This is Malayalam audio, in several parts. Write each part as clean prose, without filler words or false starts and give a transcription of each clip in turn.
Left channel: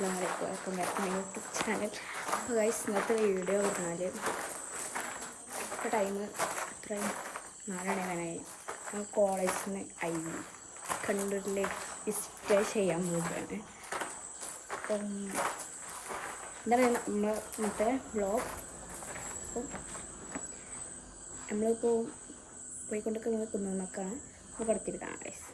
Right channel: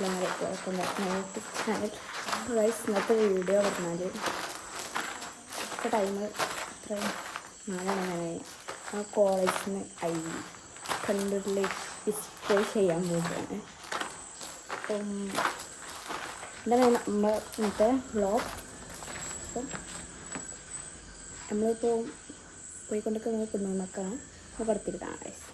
അസ്സലാമു അലൈക്കും യൂട്യൂബ് ചാനൽ. അപ്പോൾ ഗൈസ് ഇന്നത്തെ വീഡിയോ പറഞ്ഞാൽ ഇപ്പോൾ ടൈം എത്രയും 4 മണിയായി. കോളേജിൽ നിന്ന് കമ്പ്യൂട്ടറിലേക്ക് ഡിസ്പ്ലേ ചെയ്യാൻ പോവുകയാണ്. അപ്പം എന്താണ് നമ്മൾ ഇന്നത്തെ വ്ളോഗ്. അപ്പം നമ്മളിപ്പോൾ പോയിക്കൊണ്ടിരിക്കുന്നത് കുന്നുമക്കാണ്. അപ്പോൾ പടത്തിൽ കാണാം ഗൈസ്.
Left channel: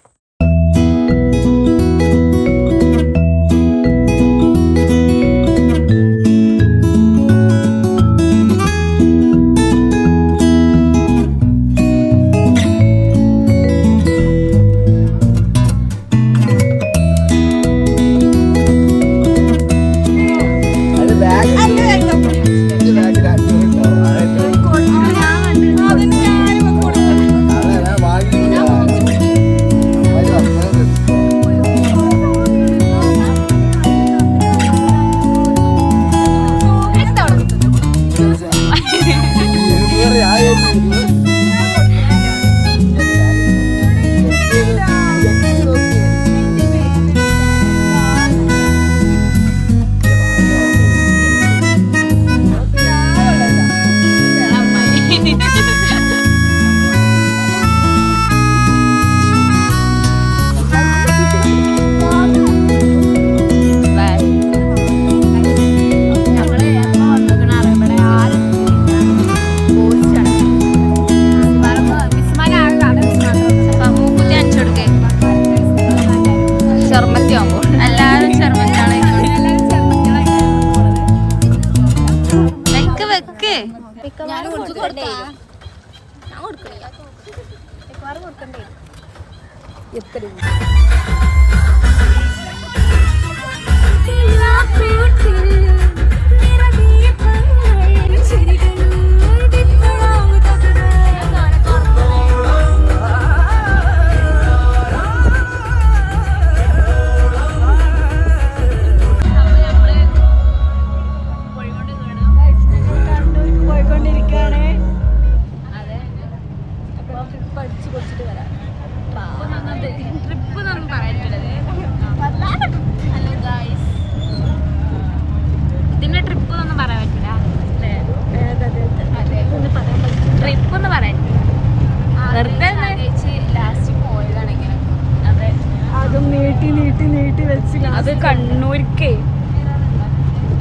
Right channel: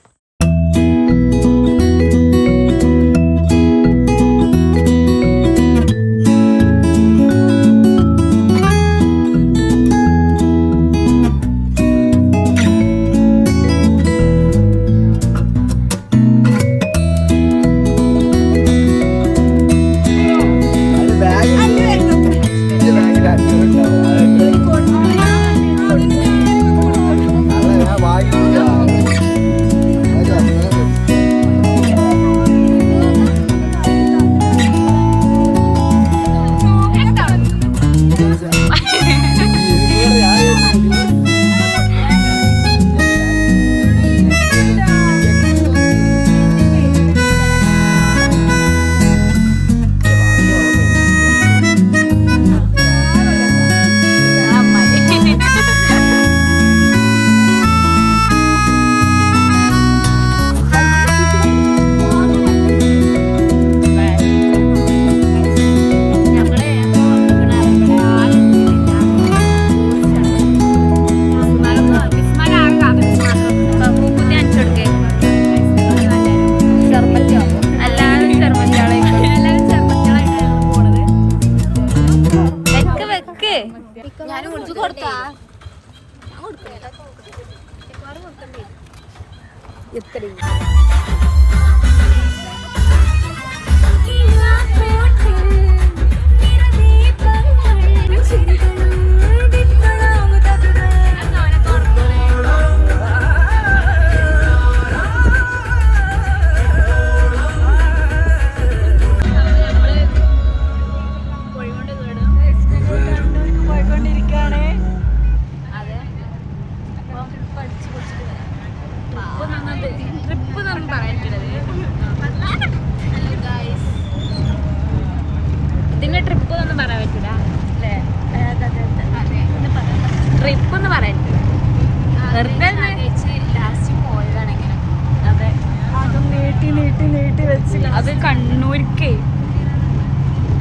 അത് കണ്ണൂർക്ക്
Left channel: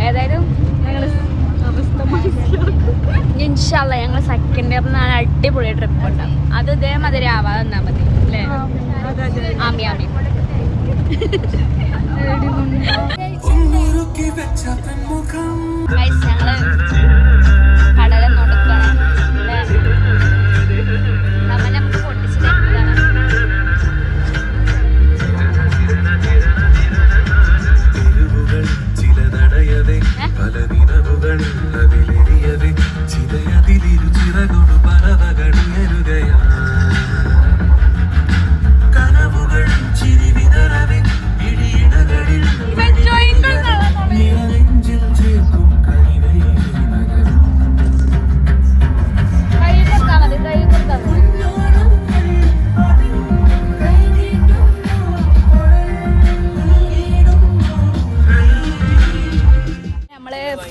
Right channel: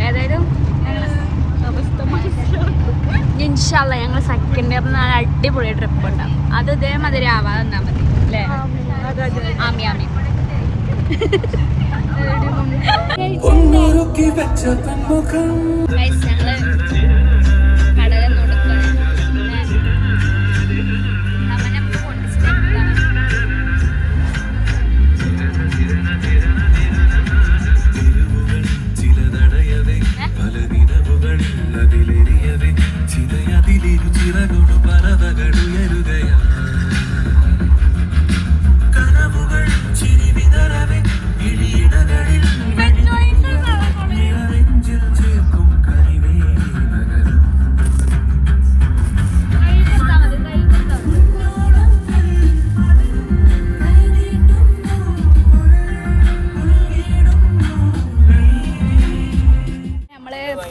ഏതായാലും ഇൻഷാ അല്ലാഹ് ഞങ്ങൾ സെക്കൻഡ് ഇയർ അടിപൊളി ട്രിപ്പ് ഉണ്ടാവും. അത് ഇതേമാതിരി ആവാതെ തന്നാ മതി അല്ലേ? ആമി ആമി ഞങ്ങള് കടല നോടുക്കാണ്. നമുക്ക് പൊട്ടിച്ച് തരുന്നതാണ്.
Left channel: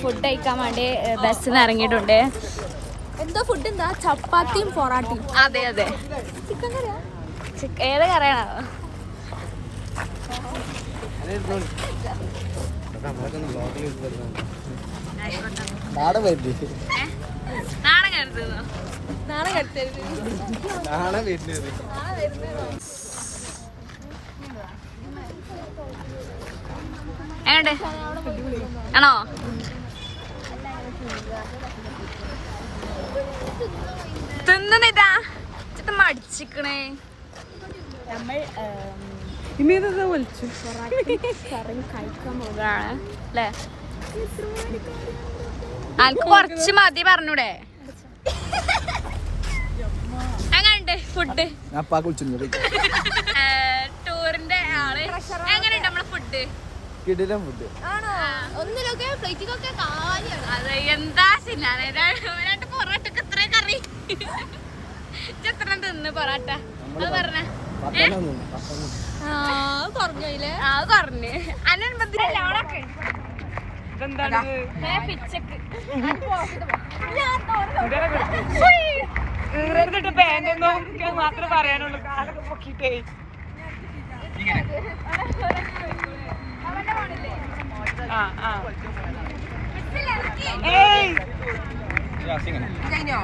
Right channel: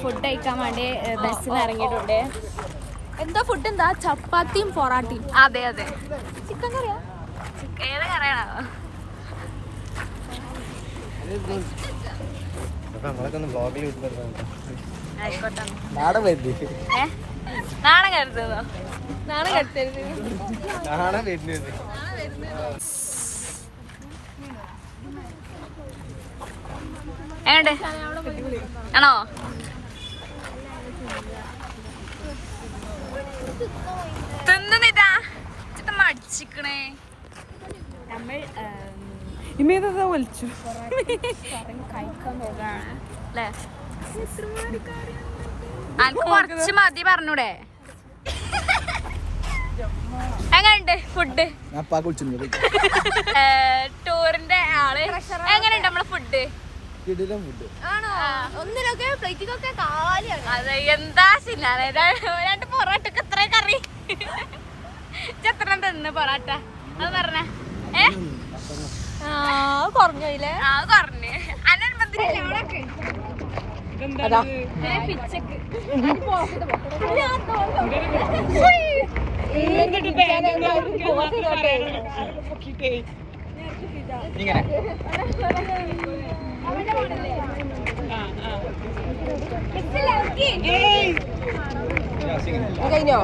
ഫുഡ് കഴിക്കാൻ വേണ്ടി ബസ്സിൽ നിന്ന് ഇറങ്ങിയിട്ടുണ്ട്. എന്താ ഫുഡ്? എന്താ? ചപ്പാത്തിയും പൊറാട്ടയും. അതെ അതെ. ചിക്കൻ കറിയാ? ഏത് കറിയാണോ? ആയിക്കോട്ടെ. നാളെ കരുതുന്നോ? എങ്ങോട്ടെ ആണോ? തിന്നിട്ടാ മടിച്ചിക്കണേ. നമ്മൾ കഴിക്കാൻ പോകുകയാണ് അല്ലേ? എനിക്ക് കുറച്ച് മതി പറഞ്ഞൂടെ? അങ്ങനെ ഫുഡ് ടൂറിന്റെ ആള് എങ്ങനെയുണ്ട് നമ്മളെ ഫുഡ്? ഫുഡ് അതെ. എന്താ സിനാണ് പൊറോട്ടക്ക് എത്ര കറി എത്ര തിന്ന് പൊറോട്ട പറഞ്ഞ കുറഞ്ഞില്ലേ? കുറഞ്ഞ് അനൻ കഴിഞ്ഞോ?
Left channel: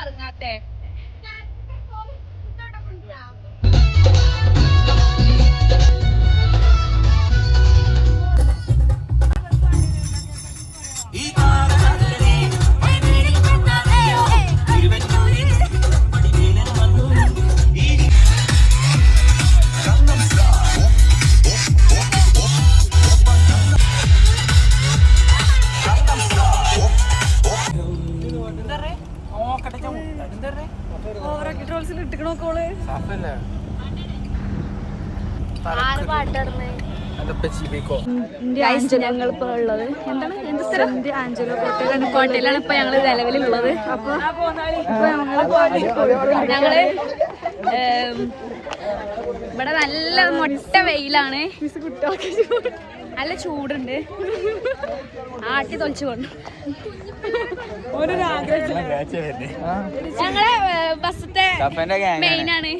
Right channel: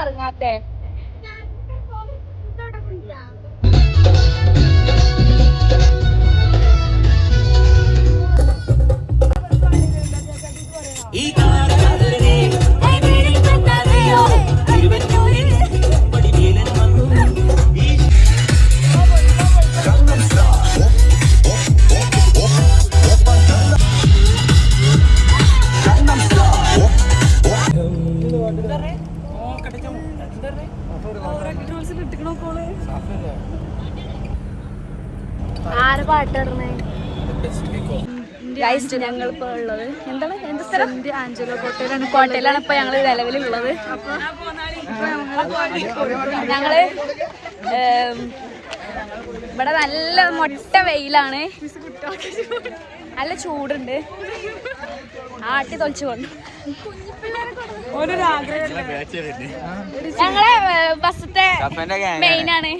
ഇറങ്ങാട്ടെ ഞങ്ങളിപ്പോ ഉള്ളത് എന്താണ് എന്ത് സ്ഥലം? ആഞ്ചലോ കോട്ടയിലാണ്. കോട്ടയിലാണ് ഇപ്പൊ ഞങ്ങള് നിലവിലുള്ളത്. അപ്പൊ ഇപ്പൊ ഞങ്ങള് ഇവിടെ നല്ല മൊട്ട വെയിലാണ്, നല്ല ചൂടുണ്ട്, ആട്ടി തൊളിച്ചു കൊണ്ട്. ഞങ്ങളെ ബസ്സത്തെ മെയിനാണ്.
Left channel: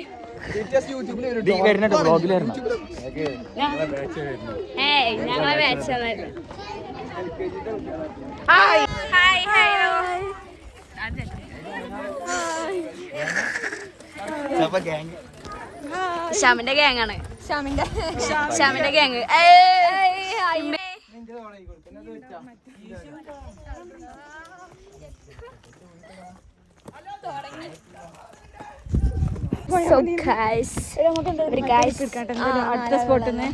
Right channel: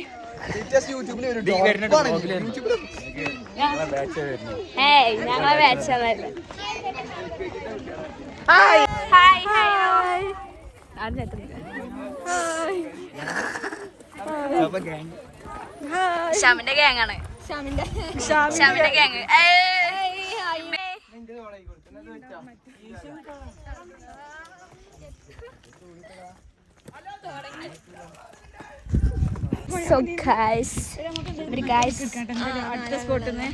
ഞങ്ങളെ ബാച്ചല്ല. Hi hello. ഷാമിന്റെ ഗ്യാങ്ങാണ്. ഷാമിന്റെ ഗ്യാങ്. So guys, അടുത്ത സ്പോട്ടിൽ നിന്ന്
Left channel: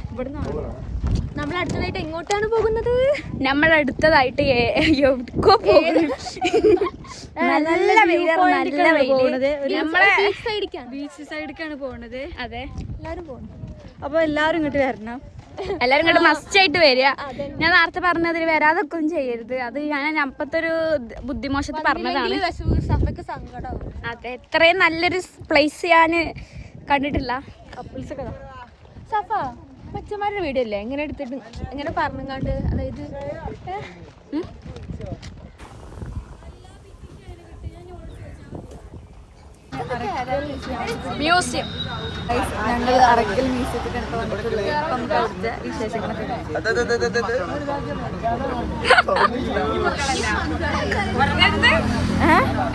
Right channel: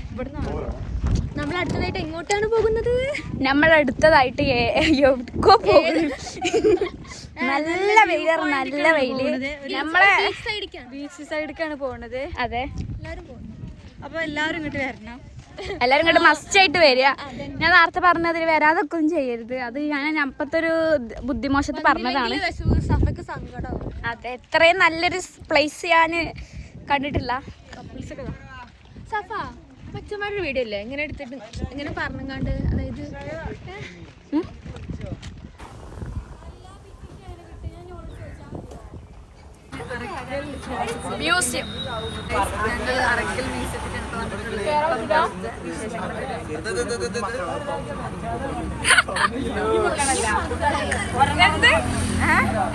നമ്മൾ അടുത്തതായിട്ട് എങ്ങോട്ടാണ് പോകുന്നത്? നമ്മൾ അടുത്തതായിട്ട് എവിടേക്കോ പോകുന്നു. നല്ല വെയിലാണ്, നല്ല വെയില്. നമ്മളെ ബീച്ച് സൈഡിലേക്കാണ് പോകുന്നത്. അതെ, എല്ലാരും പോകുന്നു. അപ്പൊ എല്ലാരും ഇങ്ങോട്ട് വരണം. എല്ലാരും ഇങ്ങോട്ട് മസ്റ്റ് ആയിട്ട് വരിക. ഞാൻ നേരത്തെ പറഞ്ഞതിൽ വരാതൊക്കെ ഒന്നും ചെയ്യരുത്. അത് ഞാൻ അപ്പത്തെ ഒരു ബുദ്ധിമോശത്ത് പറഞ്ഞതാണ്. അതെ, ഇത്രയും നല്ലൊരു പ്ലേസ് ഞാൻ കണ്ടിട്ടില്ല. കൊച്ചന്മാരുടെ വീഡിയോ അല്ലേ എങ്ങനെ എടുത്തിട്ട് എങ്ങനെ പറഞ്ഞാണ്ട്, അതായത് മ്യൂസിയം. ഞങ്ങൾ അറക്കൽ മ്യൂസിയത്തിൽ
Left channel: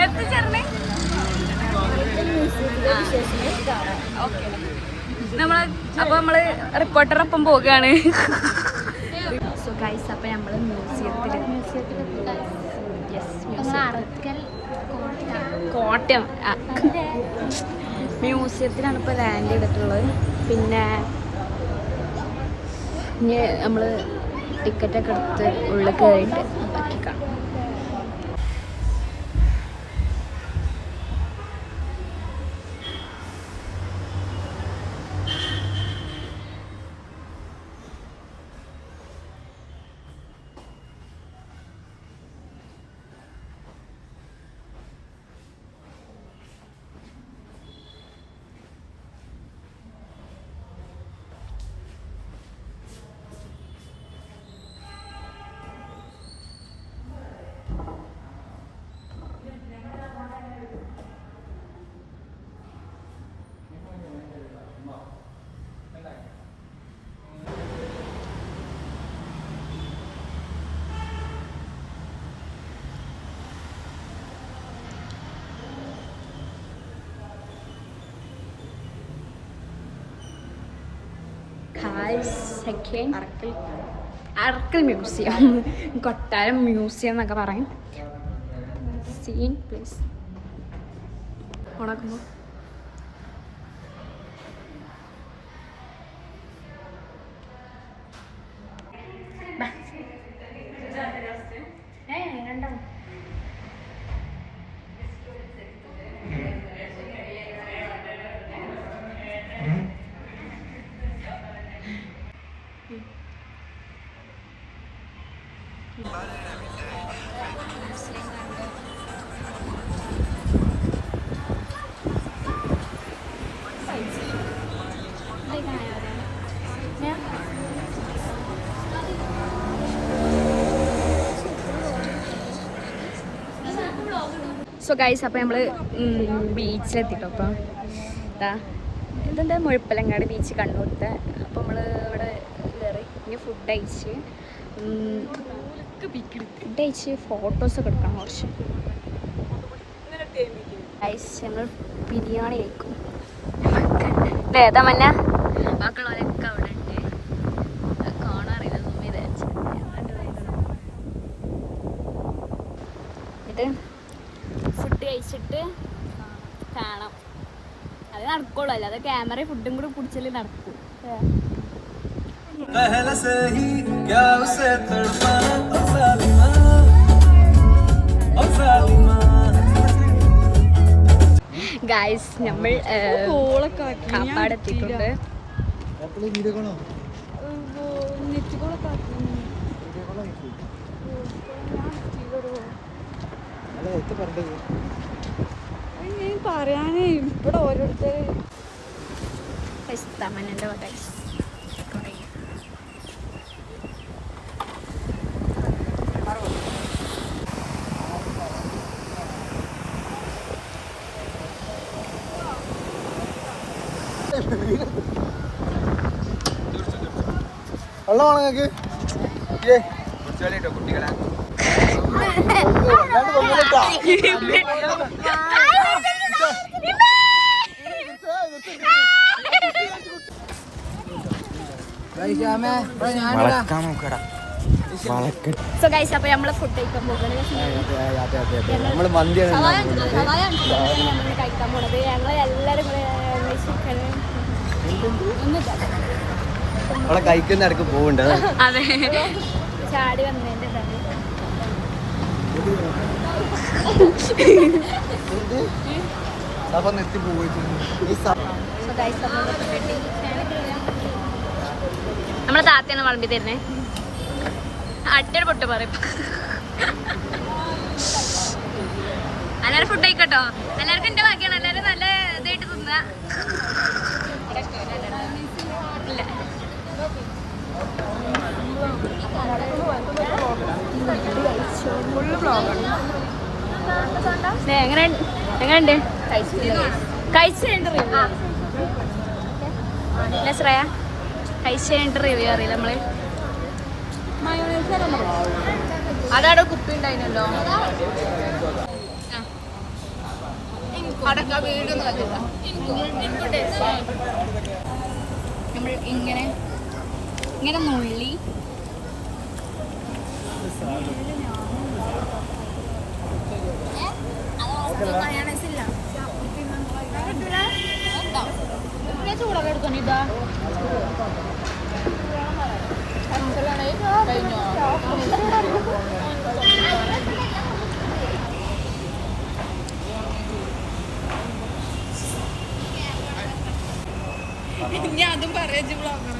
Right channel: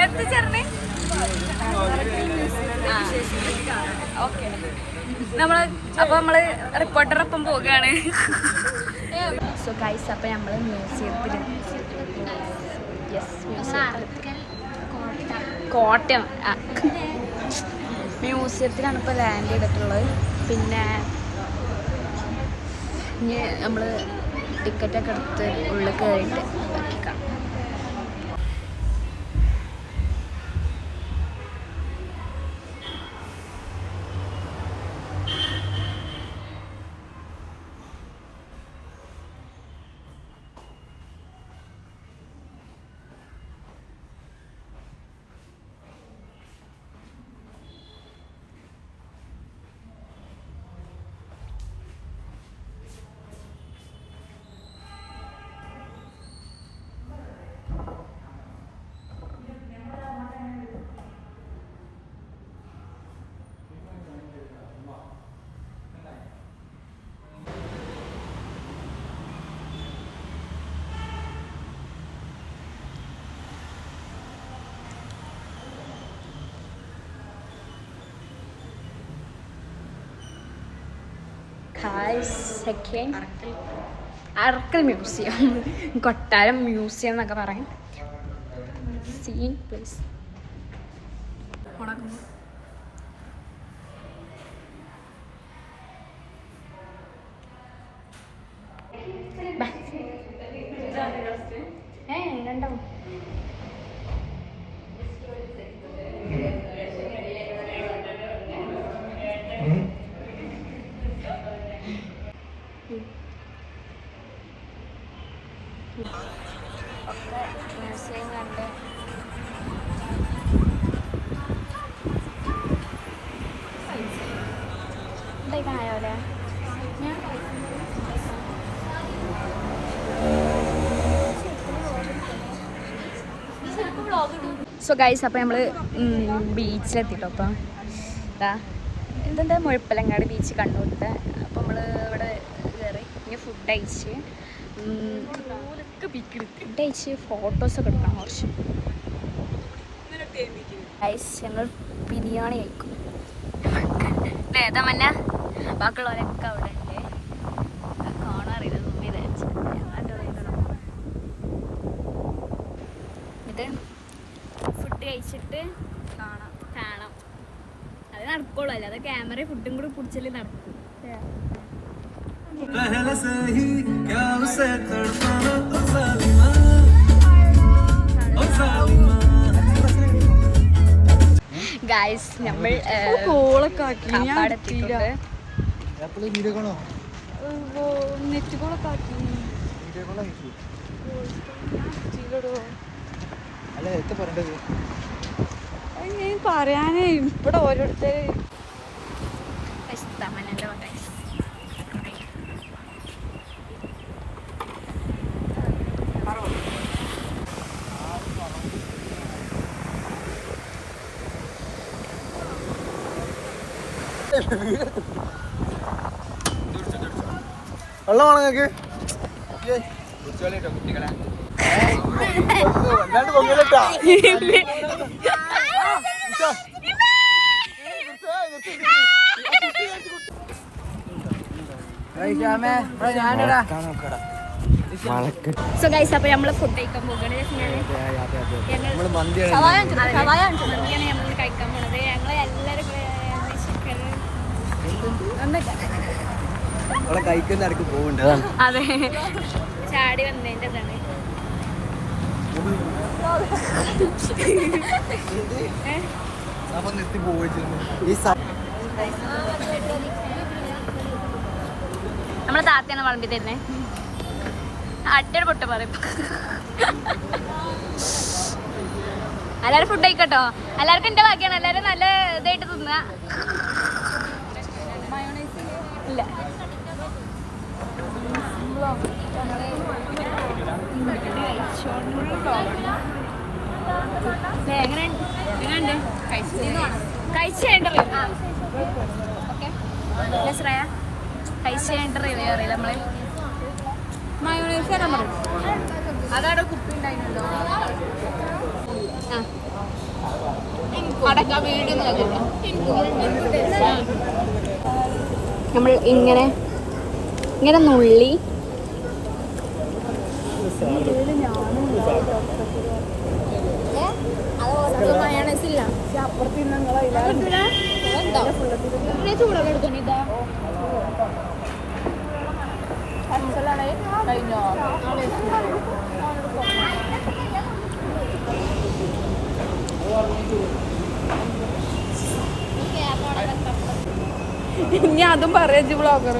എത്തിച്ചേർന്നേ. നമ്മള് റിപ്പോർട്ടറൊപ്പം പോവുകയാണ്. സോ ഗൈസ്, അപ്പൊ നമ്മള് മ്യൂസിയത്തില് കോട്ടയം മ്യൂസിയത്തിലാണ് ഇപ്പോൾ ലാൻഡ് ചെയ്തിട്ടുള്ളത്. പിന്നെ ഇനി നമ്മൾ ടിക്കറ്റൊക്കെ എടുത്ത് ഉള്ളിൽ കയറിയിട്ട് ബാക്കി കാണാം. സെക്കൻഡ് അറക്കൽ മ്യൂസിയം, കൊട്ടാരം മ്യൂസിയം എന്നൊക്കെ പറയും. സീൻ പ്ലേസ് ഉണക്കുമ്പോൾ രണ്ടാവും. സോ ഗൈസ്, അപ്പോൾ നമ്മൾ ബീച്ചിലെത്തിട്ടോ. അപ്പം ഇതെന്താ മുഴപ്പലങ്ങാട് ബീച്ച് കണ്ണൂരത്തെ. അപ്പോൾ നമ്മൾ ഇവിടെ കയറി ഇനി ഫുഡ് കഴിച്ച് ഫോട്ടോസൊക്കെ എടുക്കണം കുറച്ച്. ഗൈസ്, ഞങ്ങൾ ബിരിയാണി കഴിക്കും. ഏതാ മഞ്ഞ ബാക്കിയുള്ളവരൊക്കെ അവിടെ ഉണ്ട്. കാണാറില്ല എന്നിട്ട് ഫുഡ് കഴിച്ചിട്ട് കാണാം. അത് നടക്കുള്ളൂ, അല്ലാതെ ക്യാമറ ഫുഡും കൂടി പിടിച്ചാലേ നടക്കും. ഗായ്സ്, നമ്മൾ കാപ്പാടെത്തിയിട്ടുണ്ട്. പറയാനേ ഇവിടെ ഓരോരുത്തർ വെള്ളമാണ് നിങ്ങൾക്ക് സോ ഗൈസ്, അപ്പോൾ നമ്മൾ ഫുഡ് കഴിക്കാൻ പോകുന്നത് മന്തിയാണ് നമ്മൾ കഴിക്കാൻ പോണത്. ഞങ്ങൾ എല്ലാവരും കൂടെ അതെ ചാടി വന്നതിൻ്റെ ഇതാണ്. നമ്മളെ താത്തയാണ് വളമ്പി തരുന്നേ. അട്ടയുടെ പൊട്ട് പറയും. എല്ലാവരും ഫുഡ് കഴിക്കട്ടോ. എല്ലാവർക്കും എൻ്റെ ബാക്കിയാണ്. എല്ലാവരും നല്ല ഇതായിട്ട് തിന്ന. ഇല്ല എങ്ങനെയുണ്ട് കഴിച്ചതിൻ്റെ റിവ്യൂ? ഓക്കെ ശ്രേയ, കഴിച്ചതിൻ്റെ റിവ്യൂ അറിയില്ല നമ്മള്. അതവിടെ കുപ്പി ഉണ്ടായിരുന്നല്ലോ. നമ്മൾ ഇങ്ങനെ നുള്ളി ചൂടൊക്കെ എടുക്കണിതാ. ഇനി അതും പറയാ ബ്ലോഗർ.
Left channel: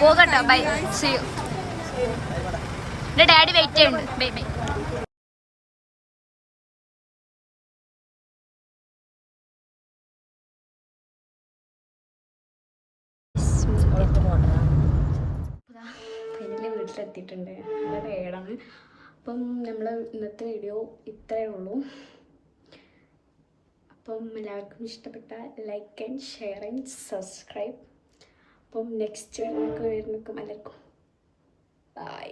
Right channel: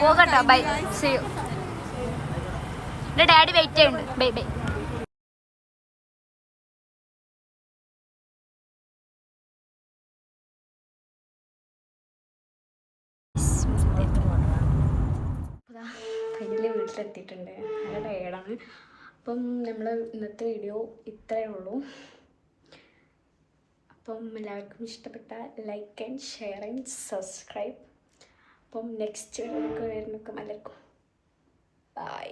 പോകട്ടോ, ബൈ. See you. എന്റെ ഡാഡി വെയിറ്റ് ചെയ്യുന്നുണ്ട്. Bye bye. ഫൈനലി വീട്ടിലെത്തിയിട്ടുണ്ട്. നല്ല ടയേർഡാണ്. അപ്പം നമ്മൾ ഇന്നത്തെ വീഡിയോ ഇത്രയേ ഉള്ളൂ. അപ്പം എല്ലാവർക്കും ഇഷ്ടപ്പെട്ട like and share and subscribe. അപ്പം നെക്സ്റ്റ് വീഡിയോ വരുന്നൊക്കെ എല്ലാവർക്കും ബൈ.